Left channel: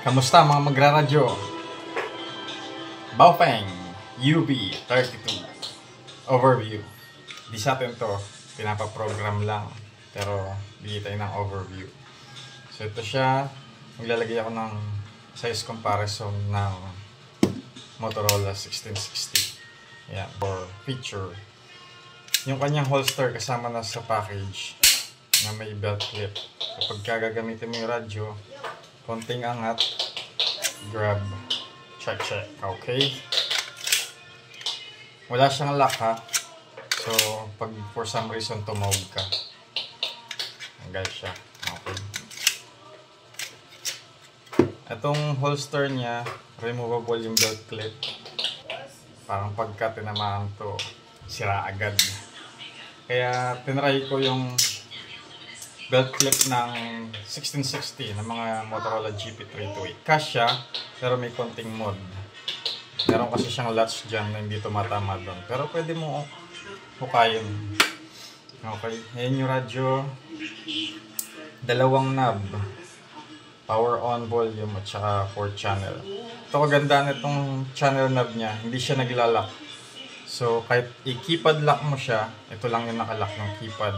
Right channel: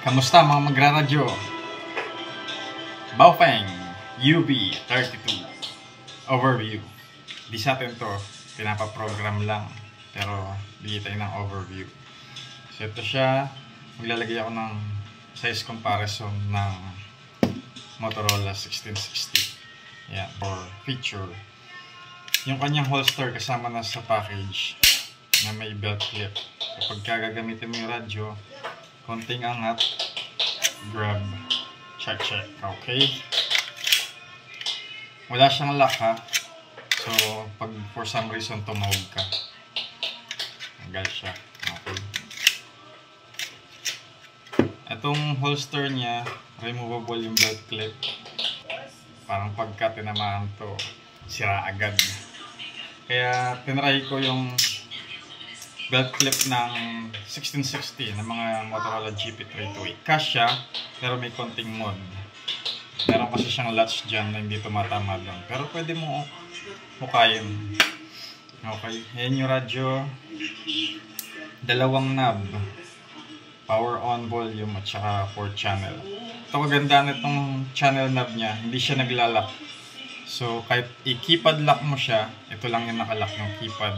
Kamusta mga magraradyo? Baofeng UB32 Overview. Di sa atin to, pinapaprogram lang. Pero bigay tayo ng overview. So ito siya, maglalagay ako ng size comparison ng Motorola 1660. Yan, for feature. Yung kanyang holster kasama na sa package na may belt clip. Kapag gagamitin mo yung radyo, konting angat, grab, check. Okay? Wala siyang lock ha. So, pag for some reason tumawag ka, tanggal siya. Okay. Itong holster niya, removable yung belt clip. Parang pagka tinamaan to, sira agad. Kaya tinry ko yung belt clip ng 1660 ng mga Motorola GP328. Kasya, pero may konting mod. Meron kasi siyang latch dyan na hindi tumatama doon. Pero pwede mo hukayin. Okay, ayan yung radyo. Dalawang knob. Power on, volume, at saka 4 channel. Ito kaganda na itong channel knob niya. Hindi siya naglalak. So, kahit i-keypad lock mo siya, ito lang yung nakalock ng keypad.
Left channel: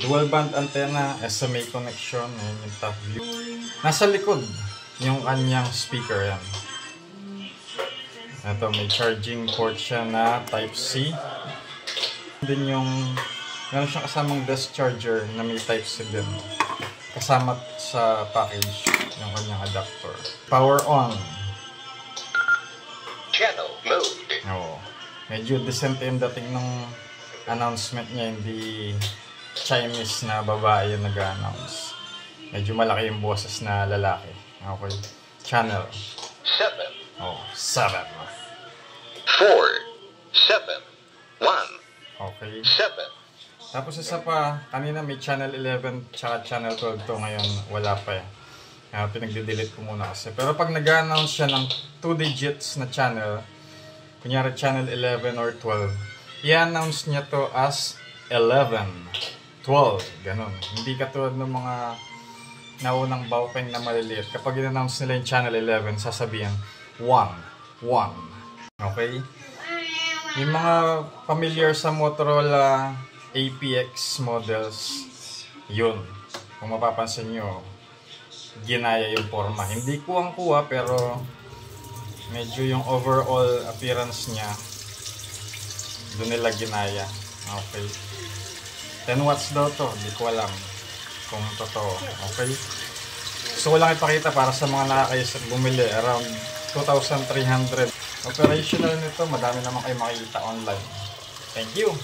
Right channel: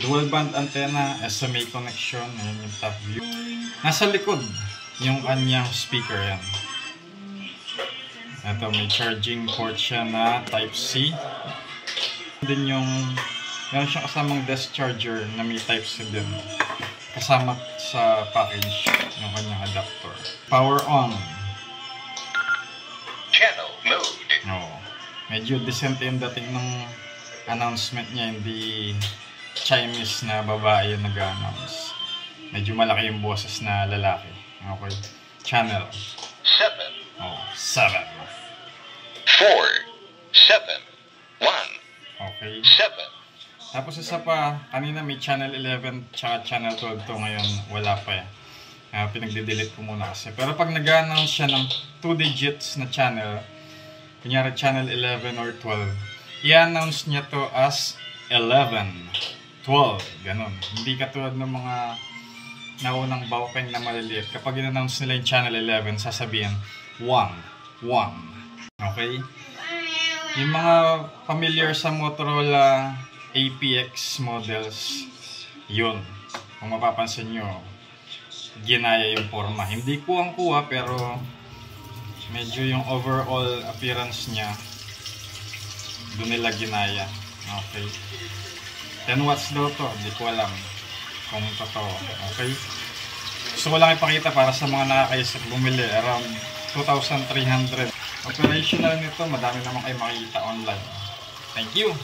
Dual band antenna, SMA connection, ayan yung top view. Nasa likod, yung kanyang speaker yan. Ito, may charging port siya na Type-C. Din yung, meron siyang kasamang desk charger na may Type-C din. Kasama sa package yung kanyang adapter. Power on. Channel mode. Oo. Medyo decent yung dating ng announcement niya, hindi Chinese na babae yung nag-announce. Medyo malaki yung boses na lalaki. Okay. Channel. 7. Oh, 7. 4. 7. 1. Okay. 7. Tapos isa pa, kanina may channel 11 tsaka channel 12 to, ngayon wala pa eh. Pinagde-delete ko muna kasi. Pero pag nag-announce siya ng 2 digits na channel, kunyari channel 11 or 12, i-announce niya to as 11, 12, ganun. Hindi katulad ng mga naunang Baofeng na maliliit. Kapag in-announce nila yung channel 11, sasabihin 1, 1. Okay? Yung mga familiar sa Motorola APX models, yun. Kung mapapansin nyo, ginaya yung forma. Hindi kuwang-kuwa pero medyo yung overall appearance niya doon nila ginaya. Okay. 10 watts daw to. Hindi ko alam kung totoo. Okay. Gusto ko lang ipakita para sa mga nakakaisip bumili. Around 2,300. Operational nito. Madami naman kayo makikita online. Thank you.